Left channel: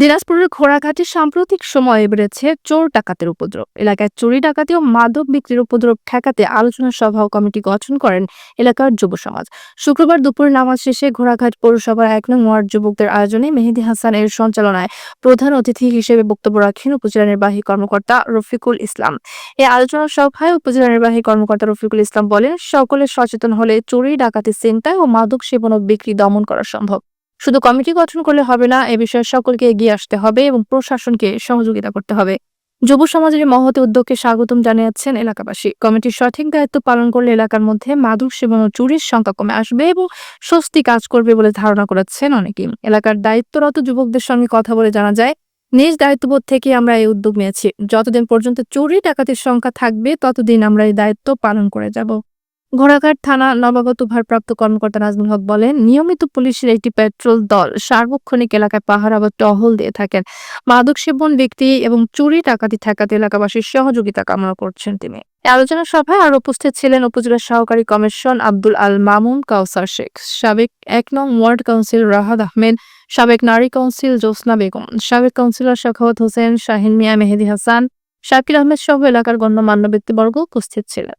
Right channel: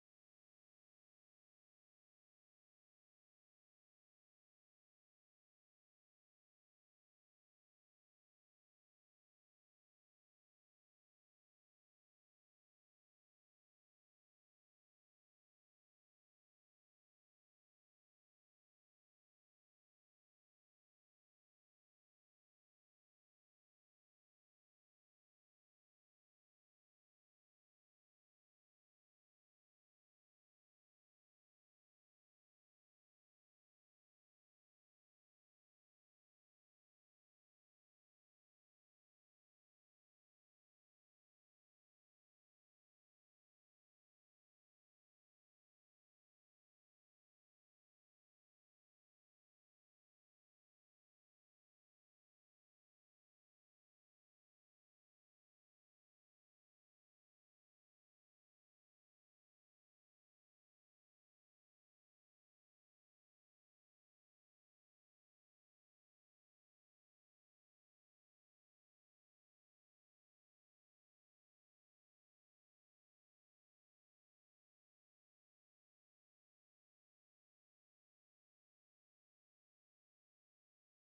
দিনাজপুরের ঘোড়াঘাটে সাম্প্রতিক সময়ে বেড়েছে চোর ডাকাতের উপদ্রব। এলাকায় চুরি ডাকাতি ও মাদক বিক্রির উপদ্রব ঠেকাতে আলোচনা সভা ও কমিটি গঠন করেন এলাকার যুব সমাজ। শুক্রবার দুপুরে নামাজ শেষে ঘোড়াঘাট পৌরসভার ১ নং ওয়ার্ড যুবকদের আয়োজনে মেহেদী হাসান এর সঞ্চালনায় প্রধান অতিথি হিসেবে বক্তব্য রাখেন উপজেলা নির্বাহী কর্মকর্তা রফিকুল ইসলাম। এই আলোচনা সভায় উপজেলা নির্বাহী কর্মকর্তা রফিকুল ইসলাম বলেন, সকলে সচেতন হলে চুরি ডাকাতি ছিনতাই ও মাদক সেবন ও বিক্রি দমন করা সম্ভব। শুধু কমিটি গঠন করলে হবে না, এ বিষয়ে সকলকে এগিয়ে আসতে হবে এবং প্রশাসনকে সহযোগিতা করতে হবে। যুব সমাজের মহৎ উদ্যোগকে স্বাগতম জানিয়েছেন এলাকাবাসী। কমিটির সঠিক দায়িত্ব পালন করলে এলাকার মধ্যে মাদক সেবন ও চুরির সংখ্যা কমে আসবে এবং স্বস্তি কাজ করবে বলে ধারণা করেছেন অনেকেই। এলাকার দায়িত্বরত যুবকদের সঙ্গে কথা বলে জানা যায়, নিজ দায়িত্ববোধ থেকে আমরা এই উদ্যোগ নিয়েছি। যতদিন পর্যন্ত চুরি ডাকাতির সংখ্যা থাকবে ততদিন আমরা এই দায়িত্ব পালন করে যাব। ঘোড়াঘাট থানা নবাগত ভারপ্রাপ্ত কর্মকর্তা নাজমুল হক বলেন, নিয়মিত পুলিশের একটি পেট্রোল দল সার্বক্ষণিক এলাকায় পাহারা বা টহল দিয়ে থাকেন। মাদক সেবন, ব্যক্তি এবং চুরি ডাকাতি ঠেকাতে এলাকাবাসীর সহযোগিতা কামনা করছেন তিনি। এই আলোচনা সভায় আরো উপস্থিত ছিলেন উপজেলা সহকারী কমিশন আব্দুল আল মামুন, কাউসার শেখ, সাবেক ১ নং ওয়ার্ড কাউন্সিলর রাহাত আহমেদ, সাবেক নারী কাউন্সিল জোসনা বেগম, সাবেক কাউন্সিলর সাখাওয়াত হোসেন, শাহিন মিয়া, মেহেদী হাসান, শাকির আহমেদ সহ এলাকার গণ্যমান্য ব্যক্তিবর্গ উপস্থিত ছিলেন।